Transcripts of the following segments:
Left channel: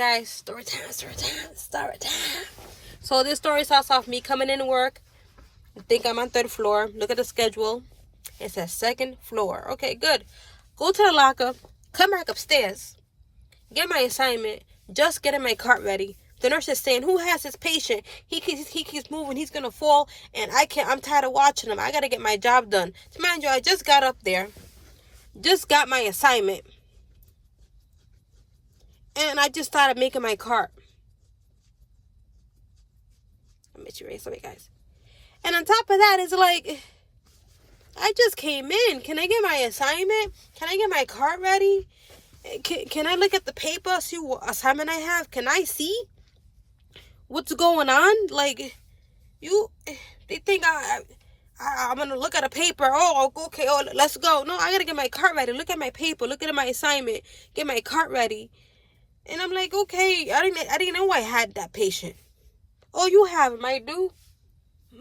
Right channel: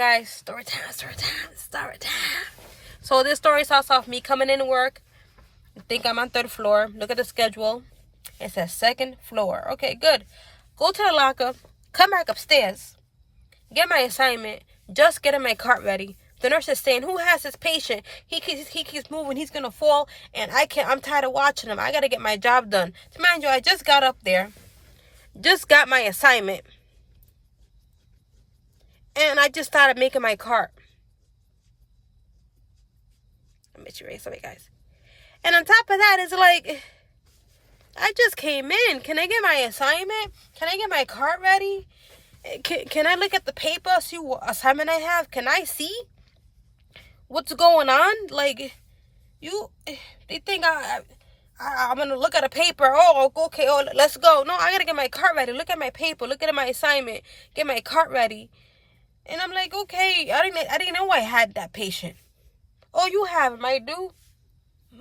Guys, story time. So this story starts off me coming into work. I think I'm on 3rd floor. Look at the schedule. It says 2nd floor. Okay, good. Go to the locker. Come back upstairs. Get my assignment. Just getting my cart ready. The nurse is saying, "Who has this patient? He keeps moving. He's gonna fall, and I can't. I'm tired of watching him. I gotta get my job done." To mind you, I just got up there, just got my assignment, and I just started making my cart. Let me erase something, guys. And on top of that, it's like, I just came in. Can I get my assignment? Can I get my cart ready? Can I look at the paper, see what assignment I have? Can I see what's going on? Like, they think I'm going to look at a paper. Oh, okay, let's go. No, I got to get my cart ready. Look at my paper. Look at my assignment. Get my cart ready. And I'm like, okay, I didn't know I had that patient. Oh, you have him, I do.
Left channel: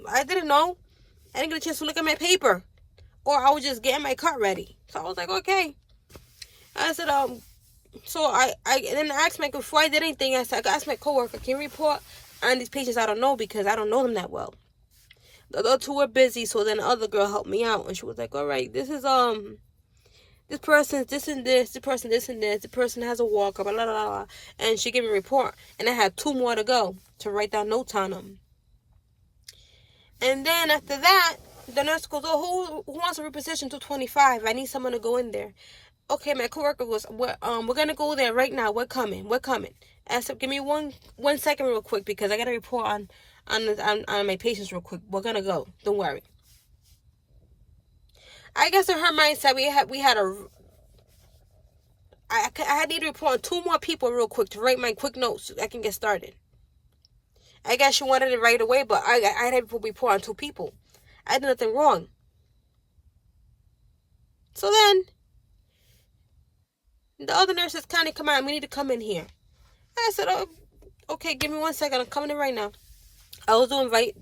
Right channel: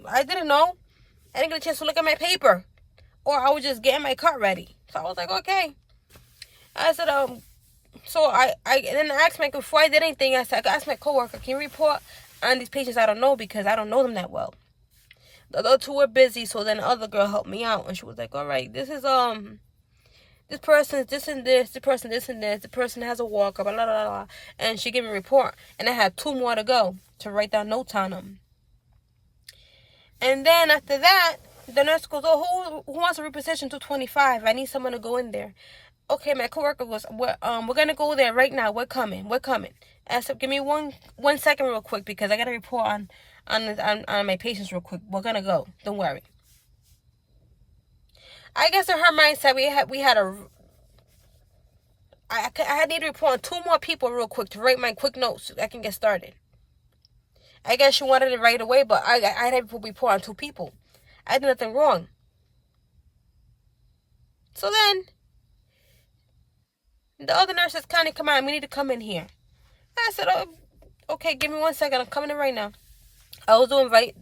I didn't know. I didn't get a chance to look at my paper. Or I was just getting my cart ready. So I was like, okay. I said, so I then I asked before I did anything, I asked my coworker, can you report on these patients I don't know, because I don't know them that well. The other two were busy, so then the other girl helped me out, and she was like, all right, this is, this person's this and this, the person this and this, the person has a walker, blah, blah, blah, blah. And she gave me a report, and I had 2 more to go to write down notes on them. And then after that, the nurse goes, oh, who wants to reposition to 25? I need someone to go in there. Okay, my coworker goes, we're gonna go there right now. We're coming. I said, give me one second real quick, because I got to report on my patients real quick. We're gonna go. Don't worry. I guess in her mindset, I need to report on 2 more people real quick to write my quick notes so I can get started. I guess she wanted it right away, but I had to report on 2 people. I did nothing wrong. So then, the other nurses kind of come out, we need to come in here. I said, oh, okay, give me 1 second, I'm coming in right now. I was doing skip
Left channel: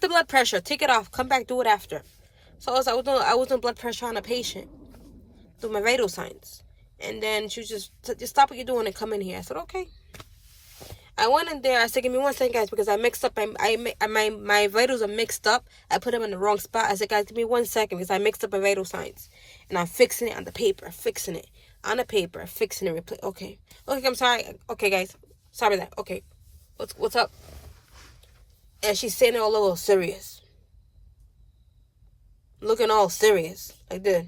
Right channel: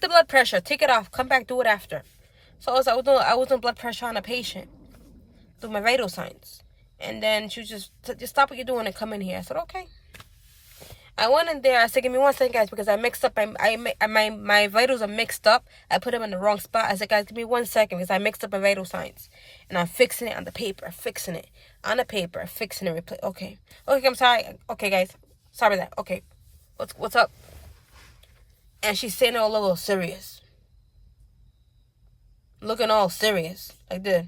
the blood pressure, take it off, come back, do it after. So I was doing blood pressure on a patient, do my vital signs. And then she was just stop what you're doing and come in here. I said, okay. I went in there. I said, give me 1 second, guys, because I mixed up. My vitals are mixed up. I put them in the wrong spot. I said, guys, give me 1 second, because I mixed up my vital signs. And I'm fixing it on the paper. Fixing it on the paper. Fixing it. Okay, I'm sorry. Okay, guys. Sorry about that. Okay. What's up? And she's sitting all a little serious. Looking all serious. Like this.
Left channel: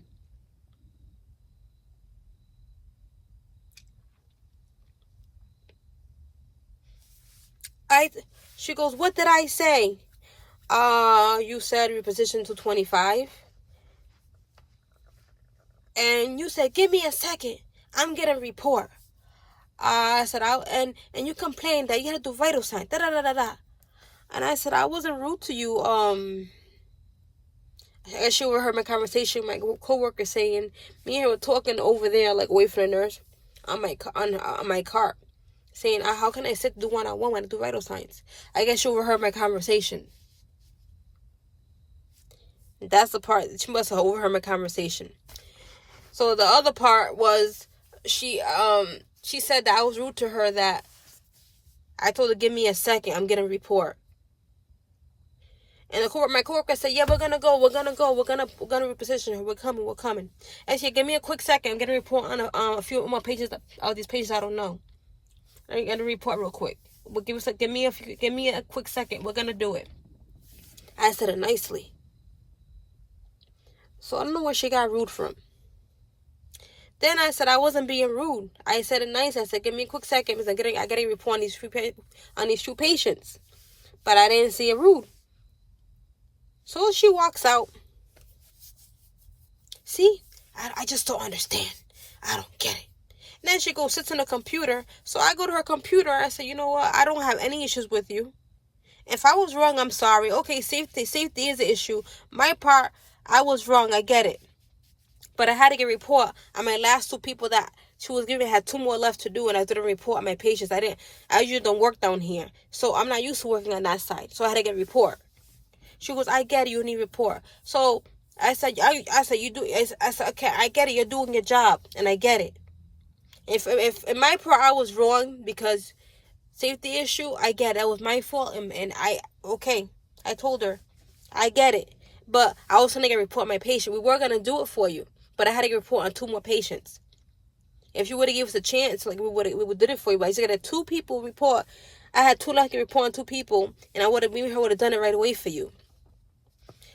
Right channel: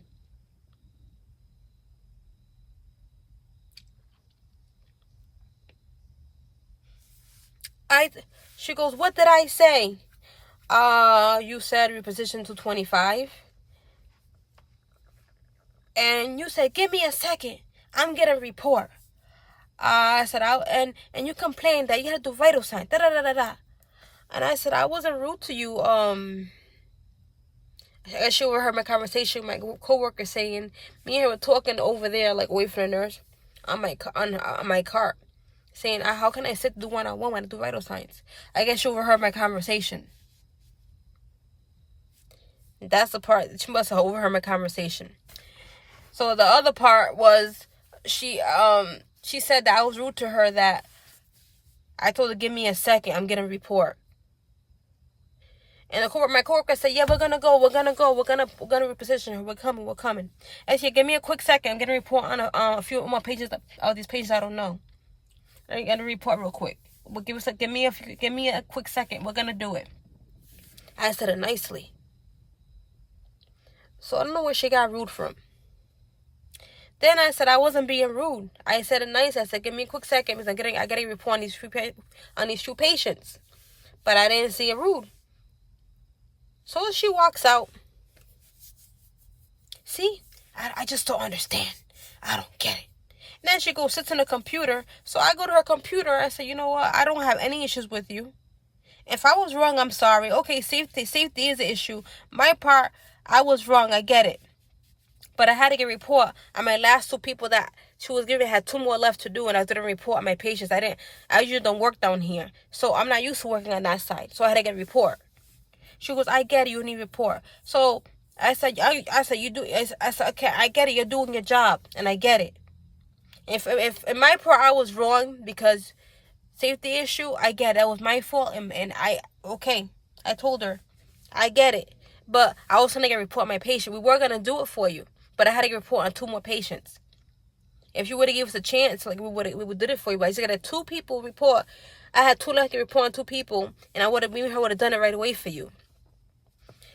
She goes, what did I say? You said reposition to 25. And you said, give me a second. I'm getting a report. I said, and you complained that you had to do vital signs. Da-da-da-da-da. And I said, I wasn't rude to you. I guess she overheard my conversation with my coworker saying, me and her were talking over there, like away from the nurse, on my cart. Saying, how can I sit do one-on-one when I do vital signs? I guess she overheard my conversation. That's the part. She must have overheard my conversation. So the other part was, she said that I was rude to her, that I told her, give me a second, I'm getting a report. And my coworker said, yeah, we're gonna go. We're gonna reposition her. We're coming. And she said, give me a quick second, I'm getting a report on a few more patients, all these patients I don't know. I got to report real quick. But give me a quick second. We're gonna do it. I said it nicely. So I don't know where she got rude from. Then I said I wasn't being rude. I said it nice. I said, give me a quick second, because I got to report on these 2 patients. But I didn't see it rude. So she walks out. See, I just don't understand. I don't get it. Then she goes, sits on the computer. So I go to her computer. I say, you know what? I don't have any issues with you. If I was wrong, I'm sorry. Okay, safety is an issue. My part, I was wrong. I get it. But I had to get a report on my last 2 people that she was giving. Had 2 more left to do, and I didn't report on my patients. I usually don't work down here. So I'm not used to working on that side. So I had to get a report. She goes, I get it. You need a report. So I said, you do. I said, okay, I get it. You're doing your job, and I get it. If in my part I was wrong because safety issue, I get it. That was my fault, and I told her, I get it. But I was going to report my patient. We were going to do it for you, but I had to get report on 2 more patients. If you would have given us a chance, like we would did it for you. But I just got a 2 people report. I had 2 left to report on 2 people, and me and her would have done it right away for you.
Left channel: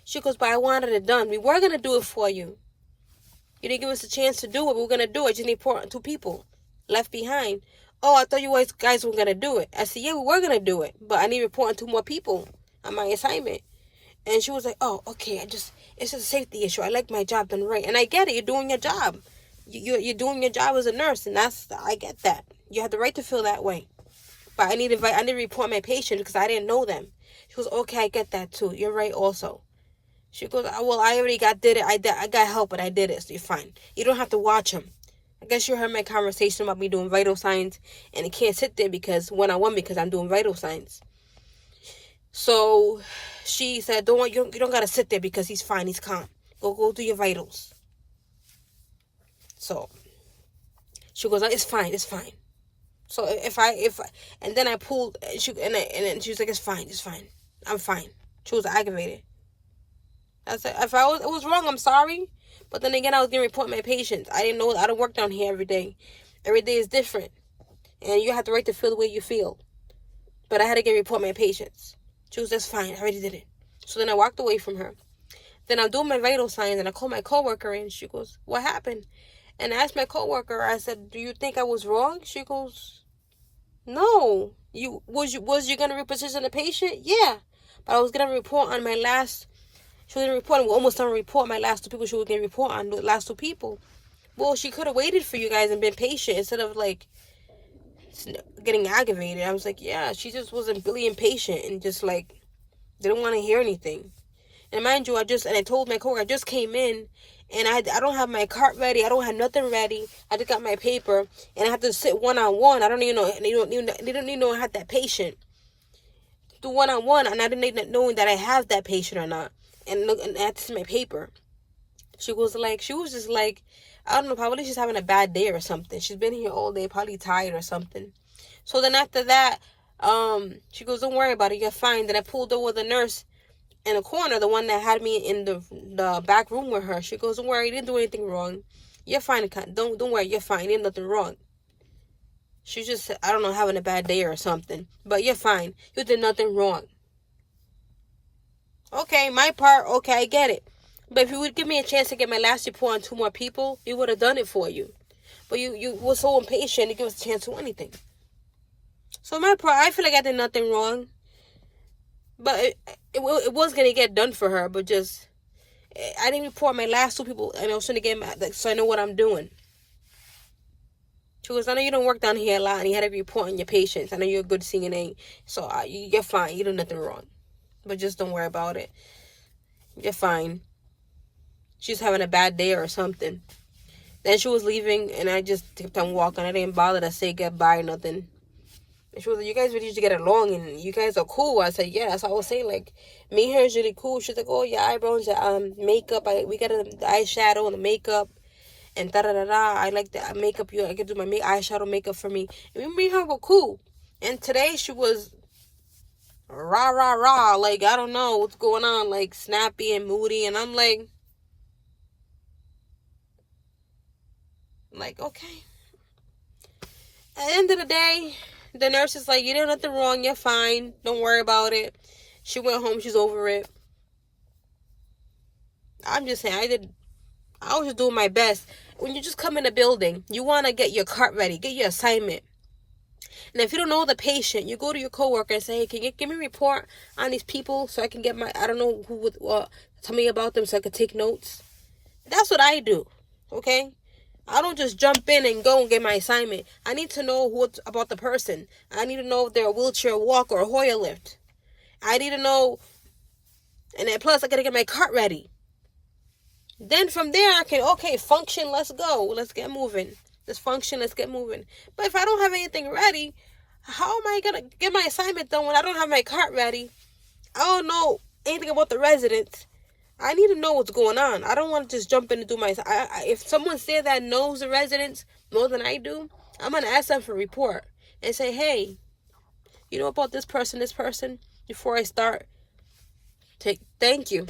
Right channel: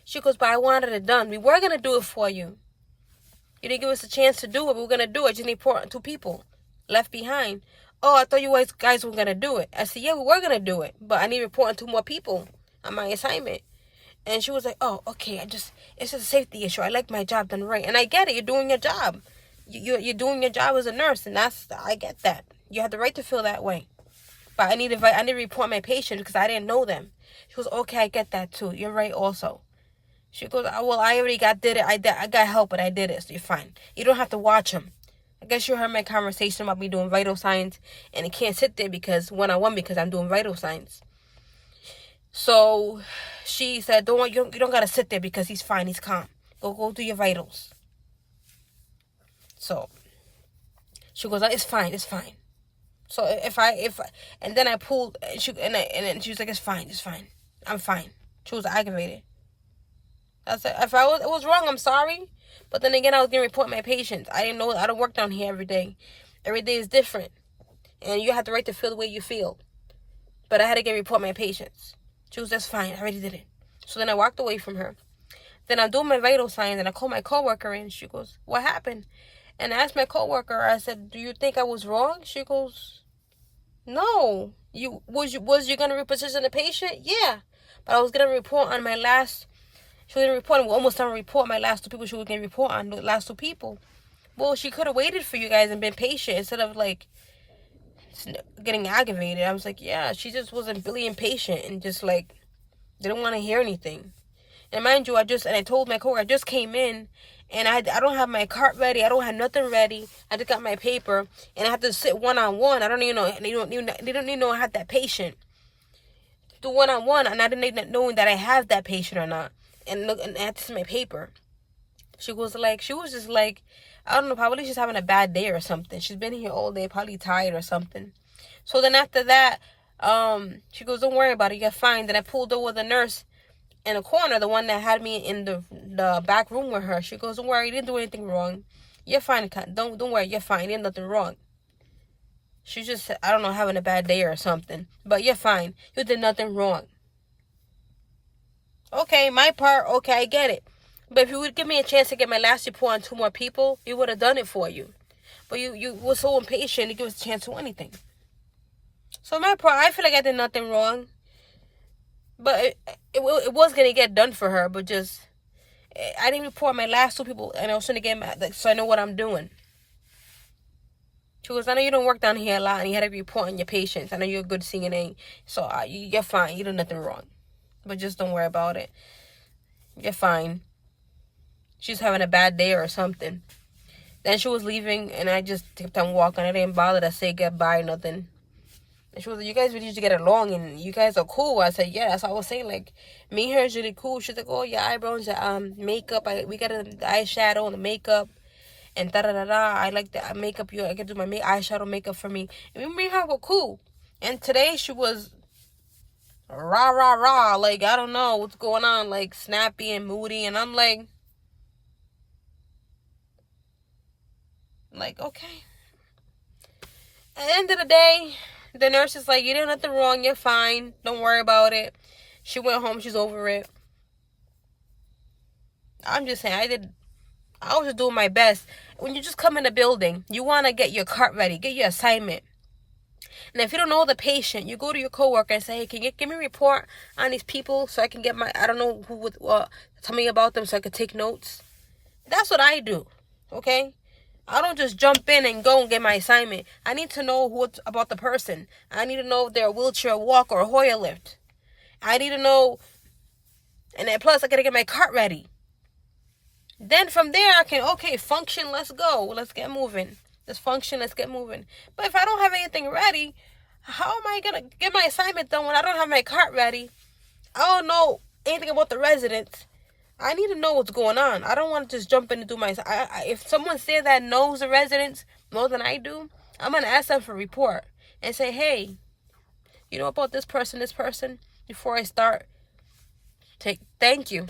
She goes, but I wanted it done. We were going to do it for you. You didn't give us a chance to do it. We were going to do it. Just need to report on 2 people left behind. Oh, I thought you guys were going to do it. I said, yeah, we were going to do it, but I need to report on 2 more people on my assignment. And she was like, oh, okay, it's just a safety issue. I like my job done right. And I get it. You're doing your job. You're doing your job as a nurse, and I get that. You have the right to feel that way. But I need to report my patient because I didn't know them. She goes, okay, I get that too. You're right also. She goes, oh, well, I already did it. I got help, but I did it, so you're fine. You don't have to watch them. I guess you heard my conversation about me doing vital signs, and I can't sit there one-on-one because I'm doing vital signs. So she said, you don't gotta sit there because he's fine, he's calm. Go do your vitals. So she goes, it's fine. So and then I pulled, and she was like, it's fine, I'm fine. She was aggravated. I said, if it was wrong, I'm sorry. But then again, I was gonna report my patients. I didn't know. I don't work down here every day. Every day is different, and you have the right to feel the way you feel. But I had to report my patients. She was, that's fine. I already did it. So then I walked away from her. Then I'm doing my vital signs, and I call my coworker in. She goes, what happened? And I asked my coworker, I said, do you think I was wrong? She goes, no. Was you gonna reposition the patient? Yeah. But I was gonna report on my last. She was gonna report. We're almost done to report my last 2 people. She was gonna report on the last 2 people. Well, she could have waited for you guys and been patient instead of like getting aggravated. I was like, yeah, she just wasn't really impatient and just like didn't want to hear anything. And mind you, I told my coworker I just came in and I don't have my cart ready. I don't have nothing ready. I just got my paper and I have to sit one-on-one. I don't even know. They don't even know I had that patient. Do one-on-one, and I didn't even knowing that I have that patient or not. And I had to see my paper. She was just like, I don't know, probably she's having a bad day or something. She's been here all day, probably tired or something. So then after that, she goes, don't worry about it, you're fine. Then I pulled over the nurse in the corner, the one that had me in the back room with her. She goes, don't worry, you didn't do anything wrong. You're fine. Don't worry, you're fine. You did nothing wrong. She's just, I don't know, having a bad day or something. But you're fine. You did nothing wrong. Okay, my part, okay, I get it. But if you would give me a chance to get my last report on 2 more people, we would have done it for you. But you were so impatient to give us a chance to do anything. So my part, I feel like I did nothing wrong. But it was going to get done for her, but just, I didn't report my last 2 people, and I was trying to get mad, so I know what I'm doing. She goes, I know you don't work down here a lot, and you had to report on your patients. I know you're a good CNA, so you're fine. You did nothing wrong. But just don't worry about it. You're fine. She's having a bad day or something. Then she was leaving, and I just kept on walking. I didn't bother to say goodbye, nothing. And she was like, you guys really used to get along, and you guys are cool. I said, yeah. That's what I was saying. Like, me and her is really cool. She's like, oh, your eyebrows, your makeup. We got the eyeshadow and the makeup. And da-da-da-da. I like the makeup. I could do my eyeshadow makeup for me. And me and her were cool. And today she was rah. Like, I don't know what's going on. Like, snappy and moody. And I'm like, okay. At the end of the day, the nurse is like, you did nothing wrong. You're fine. Don't worry about it. She went home. She's over it. I'm just saying, I was just doing my best. When you just come in the building, you want to get your cart ready. Get your assignment. And if you don't know the patient, you go to your coworker and say, hey, can you give me a report on these people so I can get I don't know who would tell me about them so I could take notes. That's what I do. Okay? I don't just jump in and go and get my assignment. I need to know what's about the person. I need to know if they're a wheelchair walker or a Hoyer lift. I need to know. And then plus, I got to get my cart ready. Then from there, I can, function, let's go. Let's get moving. Let's function, let's get moving. But if I don't have anything ready, how am I going to get my assignment done when I don't have my cart ready? I don't know anything about the residents. I need to know what's going on. I don't want to just jump in and do my... if someone's there that knows the residents more than I do, I'm going to ask them for a report and say, hey, you know about this person, before I start? Thank you.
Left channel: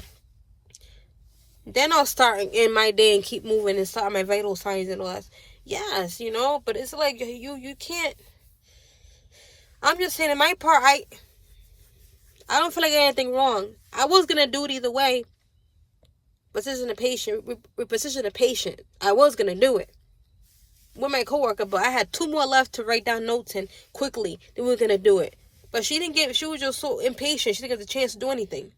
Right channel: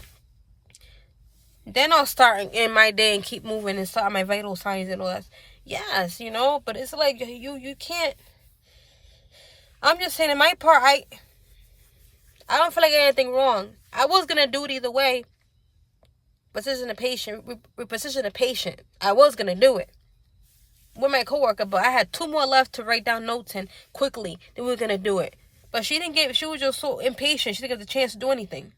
Then I'll start in my day and keep moving and start my vital signs and all that. Yes, you know, but it's like you can't. I'm just saying, in my part, I don't feel like I did anything wrong. I was gonna do it either way. Reposition the patient. I was gonna do it with my coworker, but I had 2 more left to write down notes and quickly. Then we were gonna do it, but she didn't get. She was just so impatient. She didn't get the chance to do anything.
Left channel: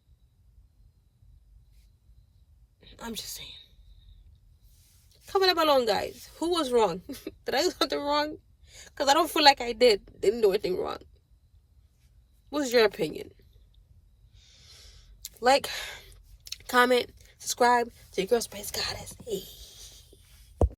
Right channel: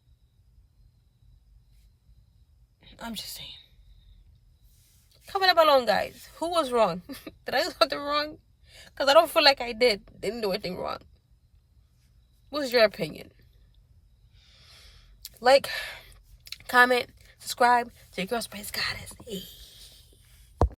I'm just saying. Comment down below, guys. Who was wrong? Did I do something wrong? Because I don't feel like I didn't do anything wrong. What's your opinion? Like, comment, subscribe to your Girl Spice Goddess. Hey.